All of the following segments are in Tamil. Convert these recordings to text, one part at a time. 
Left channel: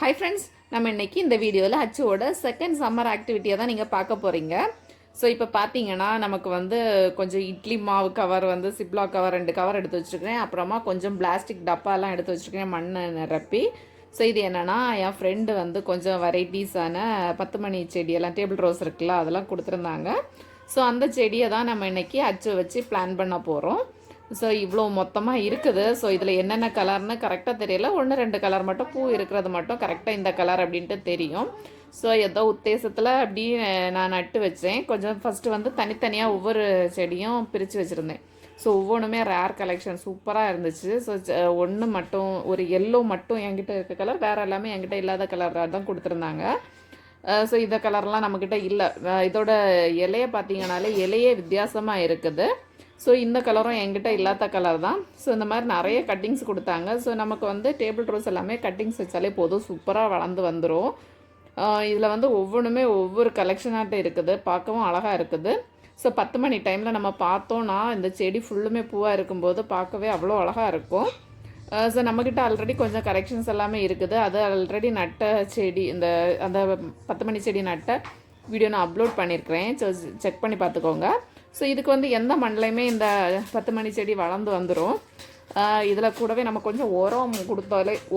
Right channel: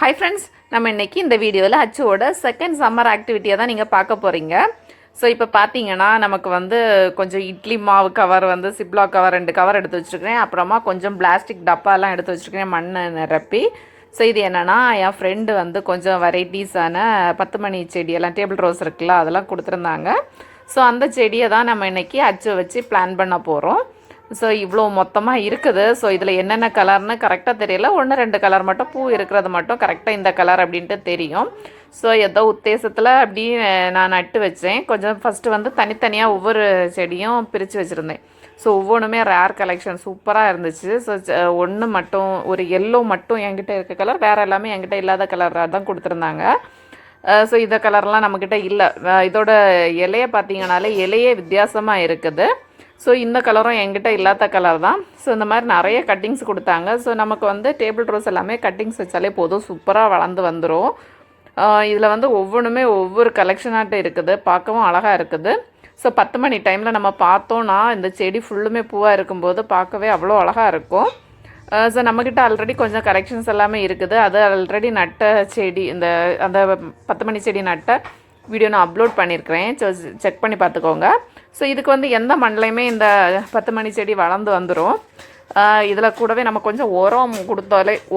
ஹாய் ஃப்ரெண்ட்ஸ், நம்ம இன்றைக்கி இந்த வீடியோவில் அச்சுவோட செகண்ட் சம்மர் ஆக்டிவிட்டியை தான் நீங்கள் பார்க்க போகிறீங்க. ஸோ இப்போ பார்த்தீங்கன்னா நமக்கு வந்து கொஞ்சம் இட்லி மாவு கவர் வந்து சிப்லாக் கவர் 2 கவர் எடுத்து வச்சுருக்கிறேன். அப்புறமா கொஞ்சம் பிளாஸ்டிக் டப்பாலாம் எடுத்து வச்சுருக்கிறேன் மண்ணை நிரப்பி. ஸோ இது என்னென்னா என் ஃப்ரெண்டு வந்து கொஞ்சம் வெரைட்டிஸான 10 மணி செடியெல்லாம் டேபிள் ரோஸ் இருக்குல்ல அதெல்லாம் கொடுத்துருந்தாங்க. ஸோ அந்த செடியை தான் நம்ம இன்றைக்கி அச்சு வச்சு பிளான் பண்ண போகிறோம். ஸோ இவ்வளோ மொத்தமாக இருக்குது. ஸோ இதில் என்னென்ன கலர்னு கரெக்டாக தெரியல. 1-2 கலர் மட்டும் பூ இருக்கிறது மட்டும் கரெக்டாக இந்த கலர் அப்படின்ட்டு தெரியும். ஸோ ஏதோ உத்தேசத்தில் அப்படி நான் நட்டு வச்சேன். கொஞ்சம் ஃபஸ்ட்டு வந்து தனித்தனியாக ஒவ்வொரு செடியும் பிரித்து வச்சுருந்தேன். ஸோ ஒவ்வொன்றுமே ரேர் கலெக்ஷன் சூப்பராக இருந்துச்சு. ஸோ ஒன்று மட்டும் ஒரு எல்லோ மட்டும் என்கிட்ட இருக்க கலர், வேறு எல்லாமே என்கிட்ட இல்லாத கலராக தான் கொடுத்துருந்தாங்க. ஸோ இந்த கலர்லாம் நம்மக்கிட்ட இல்லை. இதோட இலையை பார்த்தீங்கனாலே இலையே வித்தியாசமாக இருக்குது. ஸோ இந்த கலரும் என்கிட்ட இல்லாத கலர் தான். ஸோ இந்த மாதிரி நிறைய கட்டிங்ஸ் கொடுத்தாங்க. ஸோ நமக்கு வந்து டேபிள் ரோஸ் எல்லாமே கட்டிங்ஸ் வச்சாலே போதும், சூப்பராக வளர்ந்து வந்துடும். இதில் வந்து ஒவ்வொன்றுமே ஒவ்வொரு கலெக்ஷனாகிட்ட இருக்குது, பார்க்கவும் அழகாக இருக்குது. ஸோ 10 மணி டைமில் நம்ம பார்த்தோன்னா இந்த செடி ஃபுல்லுமே பூவாக இருக்கும்போது பார்க்கவே அவ்வளோ அழகாக இருக்கும். ஸோ நம்மக்கிட்ட ஆல்ரெடி கொஞ்சம் கலெக்ஷன்ஸ் எல்லாமே இருக்குது. அது ஆல்ரெடி நட்ட செடி, அந்த 10 மணி செடி நட்ட வீடியோ நான் அப்லோட் பண்ணியிருக்கிறேன். ஸோ செக் பண்ணி பார்த்துக்கோங்க. ஸோ இதுக்கு வந்து எந்த மண்ணிலையுமே இந்த 10 மணி செடி வளர்ந்து வந்துடும். இதில் கூடவே நம்ம கொஞ்சம்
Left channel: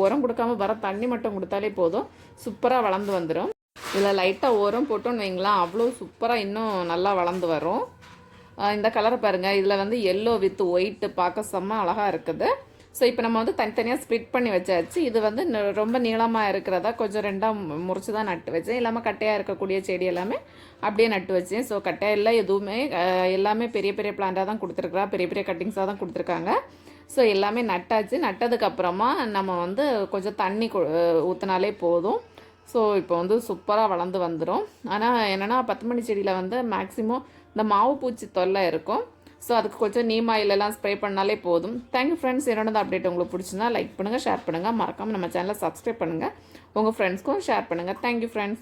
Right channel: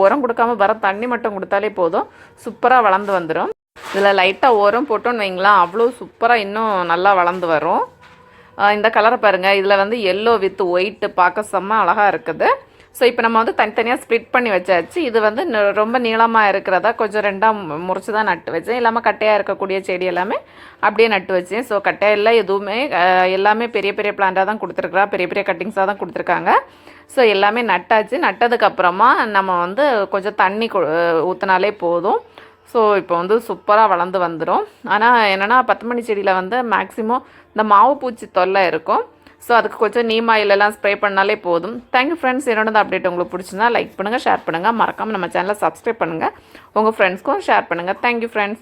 உரம் கொடுக்காம வர தண்ணி மட்டும் கொடுத்தாலே போதும், சூப்பராக வளர்ந்து வந்துடும். இதில் லைட்டாக உரம் போட்டோன்னு வைங்களா, அவ்வளோ சூப்பராக இன்னும் நல்லா வளர்ந்து வரும். இந்த கலரை பாருங்கள், இதில் வந்து எல்லோ வித் ஒயிட்டு பார்க்க செம்ம அழகாக இருக்குது. ஸோ இப்போ நம்ம வந்து தனித்தனியாக ஸ்ப்ளிட் பண்ணி வச்சாச்சு. இது வந்து ரொம்ப நீளமாக இருக்கிறதா கொஞ்சம் 2ஆக முறிச்சு தான் நட்டு வச்சேன். இல்லாமல் கட்டையாக இருக்கக்கூடிய செடி எல்லாமே அப்படியே நட்டு வச்சேன். ஸோ கட்டையில் எதுவுமே எல்லாமே பெரிய பெரிய பிளான்ட்டாக தான் கொடுத்துருக்குறா, பெரிய பெரிய கட்டிங்ஸாக தான் கொடுத்துருக்காங்க. ஸோ எல்லாமே நட்டாச்சு. நட்டதுக்கப்புறமா நம்ம வந்து கொஞ்சம் தண்ணி ஊற்றினாலே போதும். ஸோ இப்போ வந்து சூப்பராக வளர்ந்து வந்துடும். ஆனால் என்னென்னா 10 மணி செடியில் வந்து மேக்ஸிமம் இந்த மாவு பூச்சி தொல்லை இருக்கும். ஸோ அதுக்கு கொஞ்சம் நீம் ஆயிலெல்லாம் ஸ்ப்ரே பண்ணாலே போதும். Thank you friends. என்னோட அப்டேட் உங்களுக்கு பிடிச்சிருந்தா லைக் பண்ணுங்கள், ஷேர் பண்ணுங்கள், மறக்காமல் நம்ம சேனலை சப்ஸ்கிரைப் பண்ணுங்கள், உங்கள் ஃப்ரெண்ட்ஸ்க்கும் ஷேர் பண்ணுங்கள். Thank you friends.